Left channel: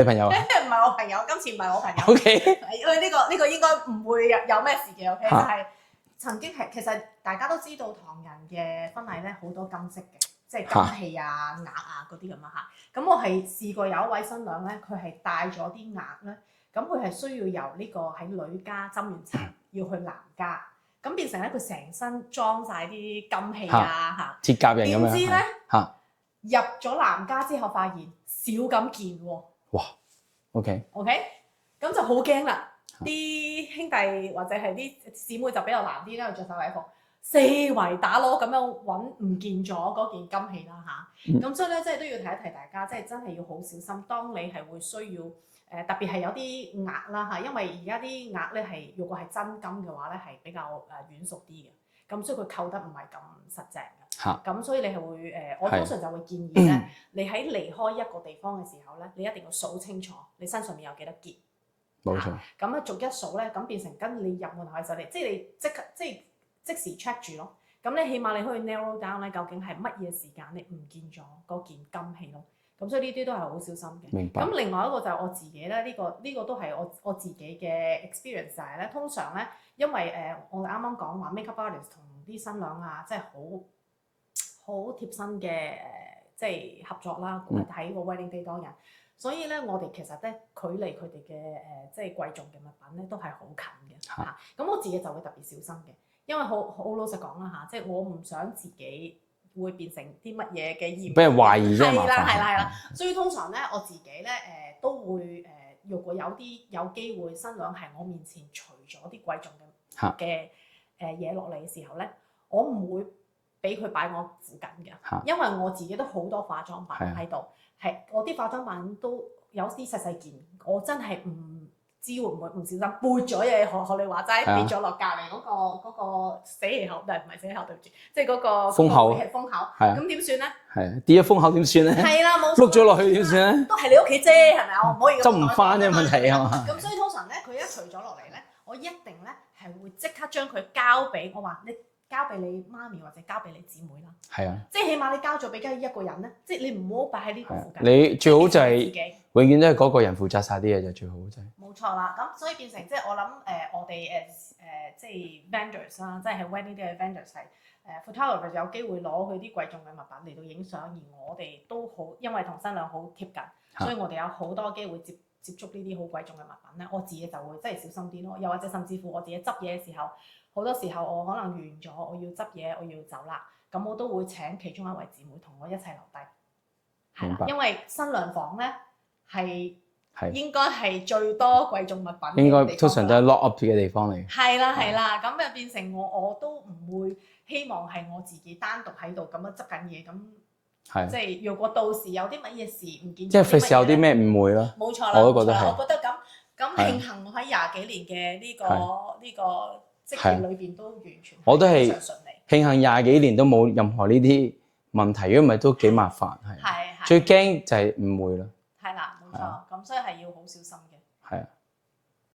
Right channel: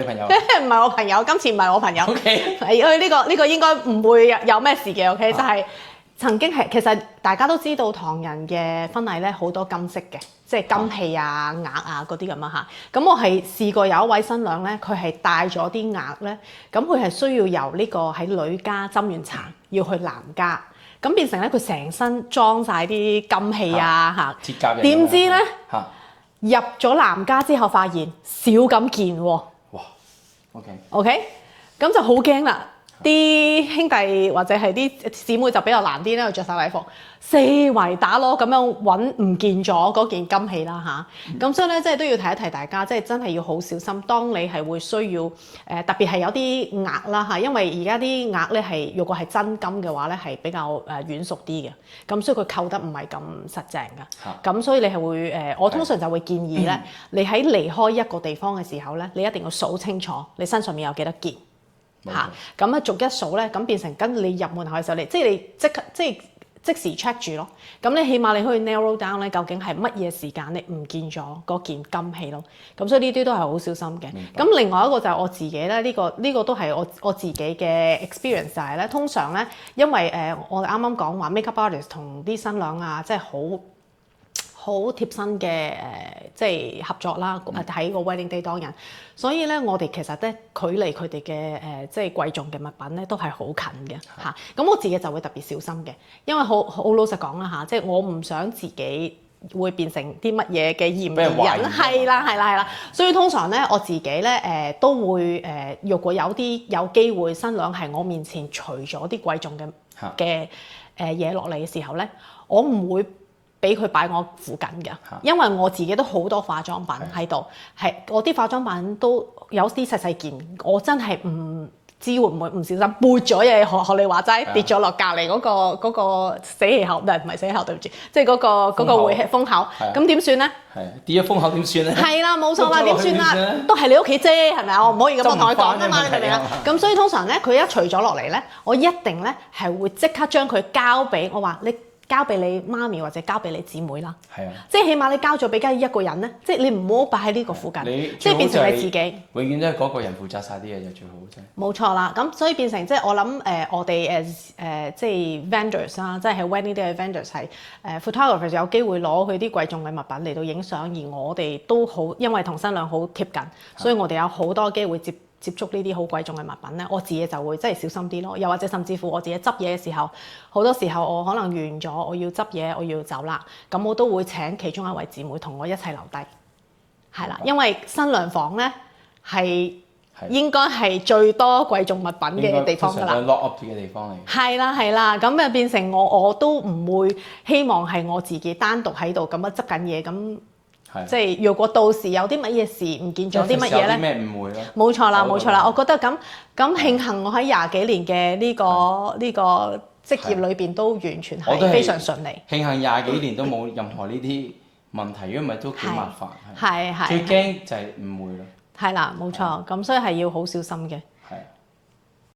你朋友？唔係我朋友，今次唔係我朋友。OK，因為呢個應該唔會有咩事嘅。OK，就係曾經係其實大家都知道唐人嘅婚禮咧好多金飾嘅，即係金器啊、額啊嗰啲咁啊嚇。咁我係試過有一位新娘咧，佢係帶咗啲額咧，咁佢係需要由呢個喺女家斟完茶要去男家，咁變成咧佢成身裝晒啲金器啊嚇。鐵甲嘅。點知咧嚇入咗男家之後，發現少咁件喎。哇，OK，咁就好驚啦！啲兄弟或者係啲姊妹就比較難啲咧，着晒禮服，四圍打攞咁樣揾唔見咗嗰件金器啦嚇。咁所以咧，即係都要提一提大家，即係真係要好小心。當你係會需要特別係有啲額啦嚇，因為而家啲額咧係如果係真金嘅話咧係比較軟熟啲嘅，咁所以佢扣得唔係咁實淨㗎。咁所以你係會我通常就會建議咧，你喺離開一個地方嘅時候咧，你一定要數清楚你身上面有幾多件。咁啊逐一數咧，咁變成跟你入門口嘅時候，你即時 check 住咯。咁你起碼你可以 narrow down 咧，究竟係乜嘢時間你唔見咗嗰件金器咯。咁所以呢啲都係好小心嘅。咁另外一個就係我自己咧，呢個都係我自己嘅 experience 就係咧，通常咧，因為我哋啱啱講話 makeup artist 同啲新娘啊，即係好貼身嘅即係合作啦，喺個 wedding day 當日，所以咧我哋其實咧距離佢哋嘅即係貴重嘅物品咧都係好近嘅嚇。咁我自己就會特別小心嘅，因為好老實講啦嚇，即係我唔想自己會變成啲乜嘢嘅嫌疑人，係啦。所以通常咧我自己咧都會若果有機會新娘喺我面前除咗啲貴重嘅嘢落嚟嘅時候咧，我唔會俾佢擺我附近嘅，因為我自己都好多化妝品喺度，係我啲化妝品都有啲細細件，我真係唔知會唔會唔小心撥咗嘢，學你話齋跌咗落隔離嗰個死氣口，唔係死氣口，對唔住，即係嗰個回氣風口，咁點算咧？係跌咗風口點算咧？係啦，冇錯啦，點算啦？都係你屋企啫，係咪啊？我唔可以咁同佢講啊嘛，係咪啊？咁所以通常咧，佢一除咗落嚟咧，我一定咧係會即刻將佢交俾我話你。交俾你媽咪或者交俾你姊妹啦，即係起碼你交咗俾一個人咧，即係你唔好擺喺呢個附近，即係變成你自己。永遠都係嗰個人負責晒啲嘢就最好啫。冇錯啦，咁所以變成即係我諗我哋即係 vendors 啦，即係喺 wedding day 嘅 vendors 係photographer 有機會攞佢啲貴重嘅物品嚟到影相，而我哋都好因為同新娘好貼近，所以我哋有好多機會接觸呢啲好貴重嘅物品咧，我自己就會真係小心啲咯。又或者甚至乎我自己執嘢嘅時候，好多時候我可能完咗，我要執嘢，我要走啦，咁我都會請其中一位姊妹同我一齊留低，係啦，因為新娘房咧係應該係最多貴重物品嘅地方㗎啦。通常都係 lock up 嘅地方嚟。係啦，咁變成我都唔會希望係我自己單獨喺度咁樣執緊嘢咁。即係如果到時有啲乜嘢事唔見咗啲乜嘢咧，有啲咩誤會咯？冇錯啦，我覺得咁慶幸我喺廿幾年嘅呢個職業裏邊都完全係非常順利。慶幸廿幾年都冇任何呢啲問題，如果唔係都幾麻煩。係最驚就係誤會咯。係啦，冇錯，咁所以係要好小心嘅。